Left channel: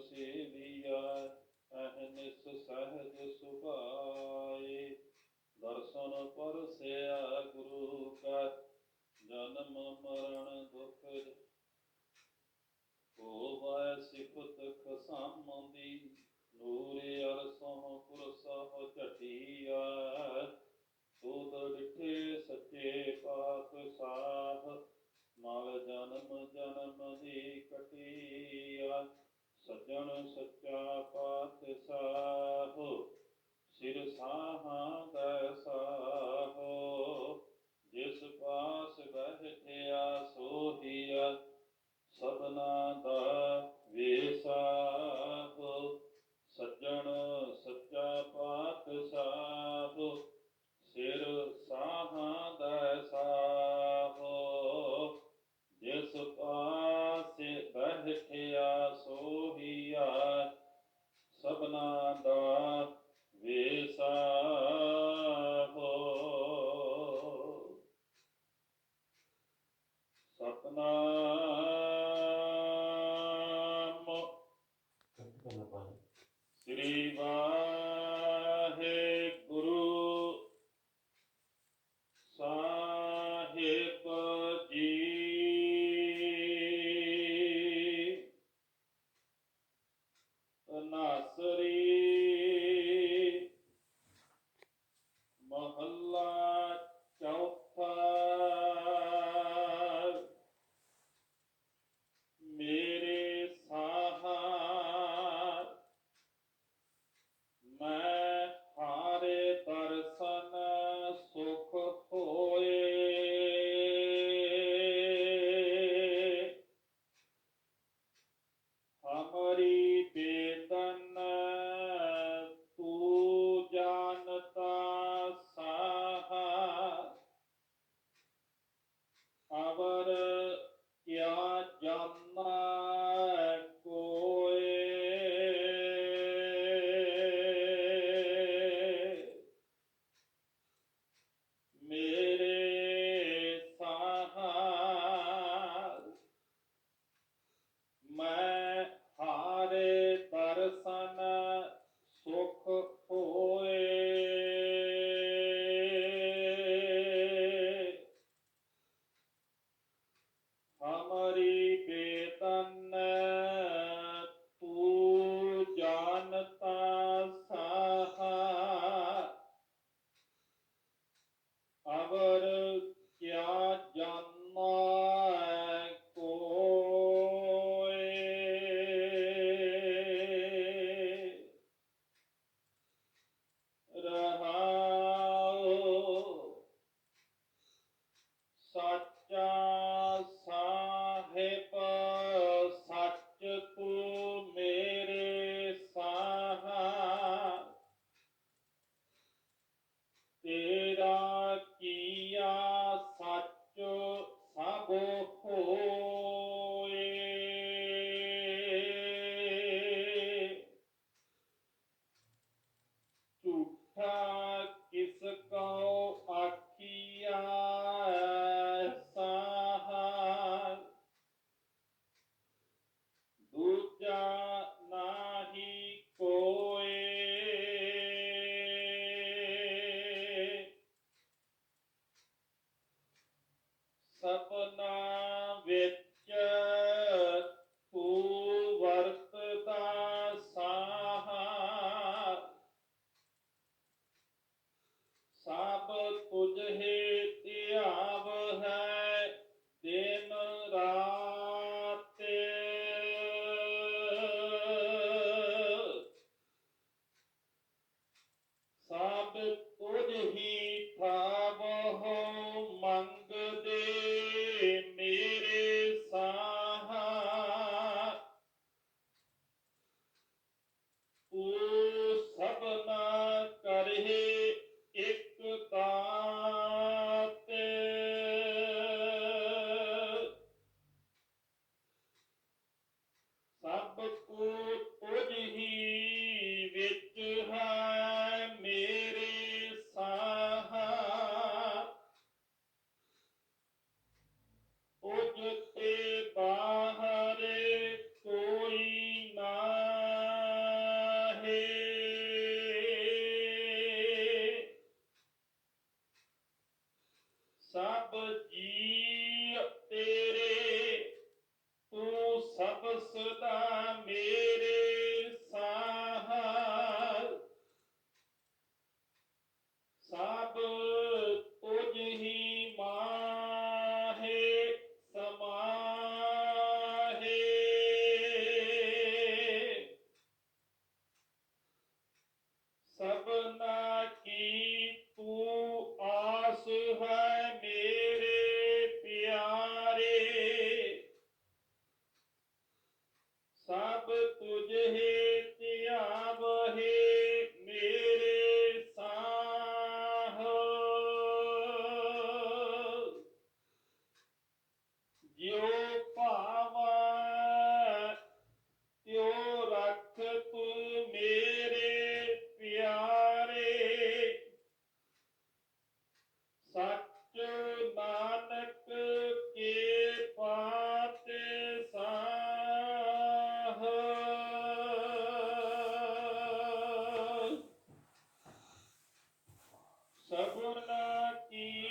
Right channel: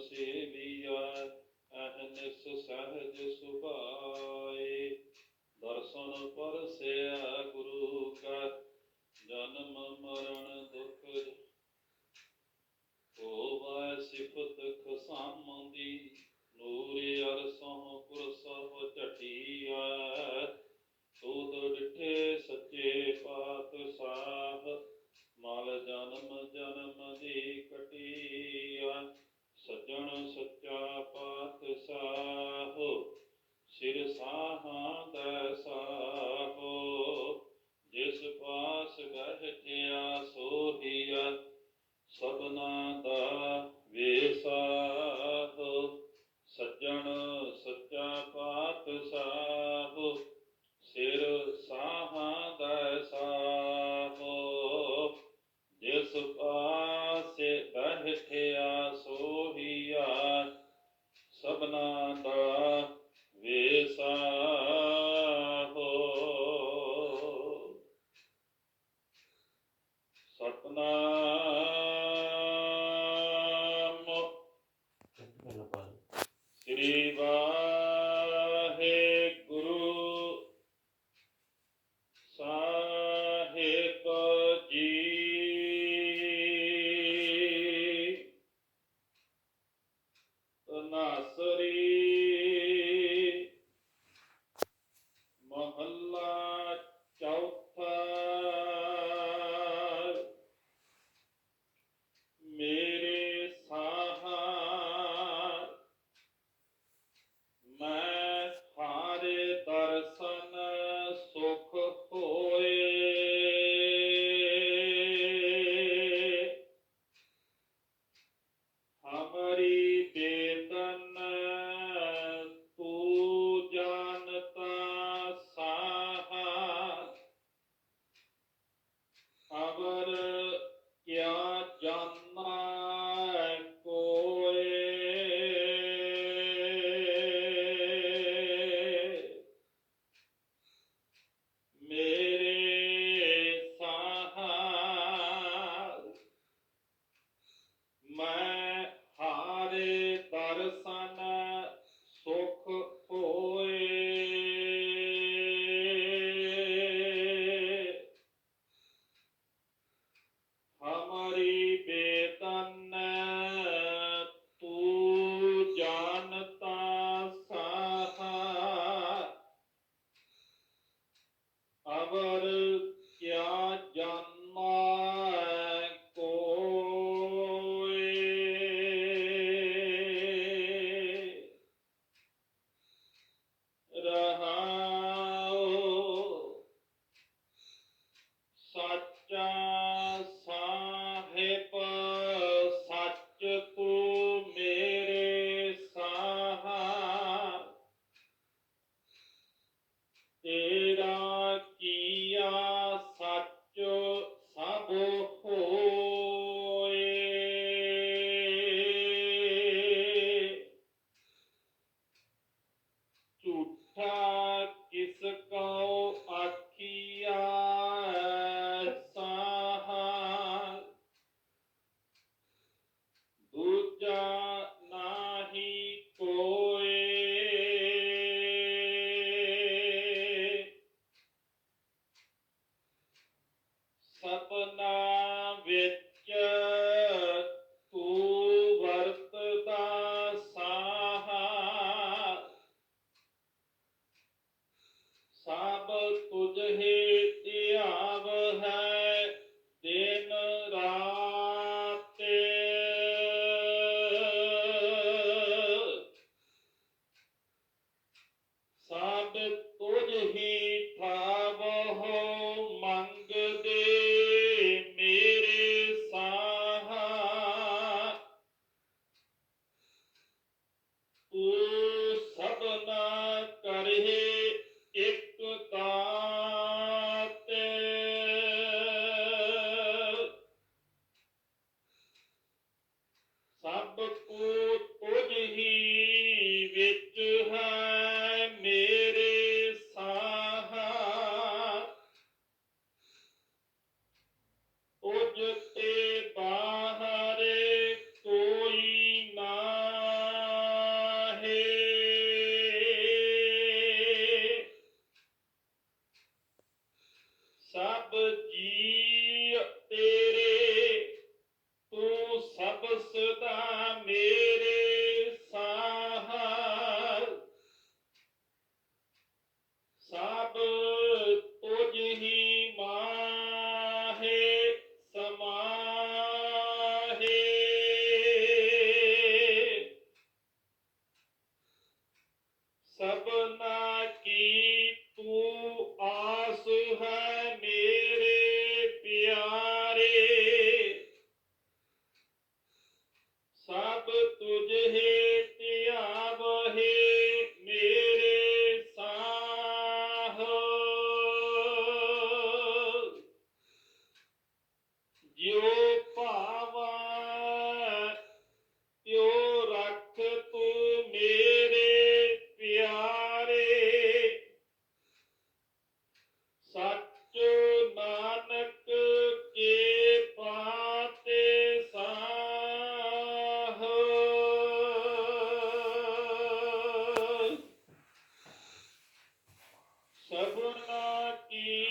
ਸੇਵੀਆ ਅਹਨਿਸ ਸਹਜ ਸੁਭਾਏ। ਦਰਸ਼ਨ ਪਰਸਿਆ ਗੁਰੂ ਕਾ, ਜਨਮ ਮਰਨ ਦੁਖ ਹੋਵੈ ਸਿਫਤ ਖਸਾਮਦੀ, ਨੂਰ ਅਰਸੋਂ ਕੁਰਸਹ ਝਟੀਆ ਸੋਦ ਡਿਠੇ ਸੱਚੇ ਪਾਤਸ਼ਾਹ, ਮਲ ਜਨਮ ਜਨਮ ਦੀ ਕਟੀਆ ਸੱਜਣ ਸੱਚਾ ਪਾਤਸ਼ਾਹ ਸਿਰ ਸਾਹਾਂ ਦਾ ਸਾਹੋ ਜਿਸ ਪਾਸ ਬਹਿਠਿਆ ਸਤਨਾਮ ਸ੍ਰੀ ਵਾਹਿਗੁਰੂ ਸਾਹਿਬ ਜੀ। ਤਨਾਸਰੀ ਮਹੱਲਾ mas ਹਾਰੇ ਸਭ ਤੁਝ ਹੀ ਧਿਆਵ ਹੈ ਦਿਨ ਰਾਤ। ਸਭ ਤੁਝ ਹੀ ਠਾਵਹੁ ਆਪਸ ਦਾ ਮੇਰੇ সগুণ কি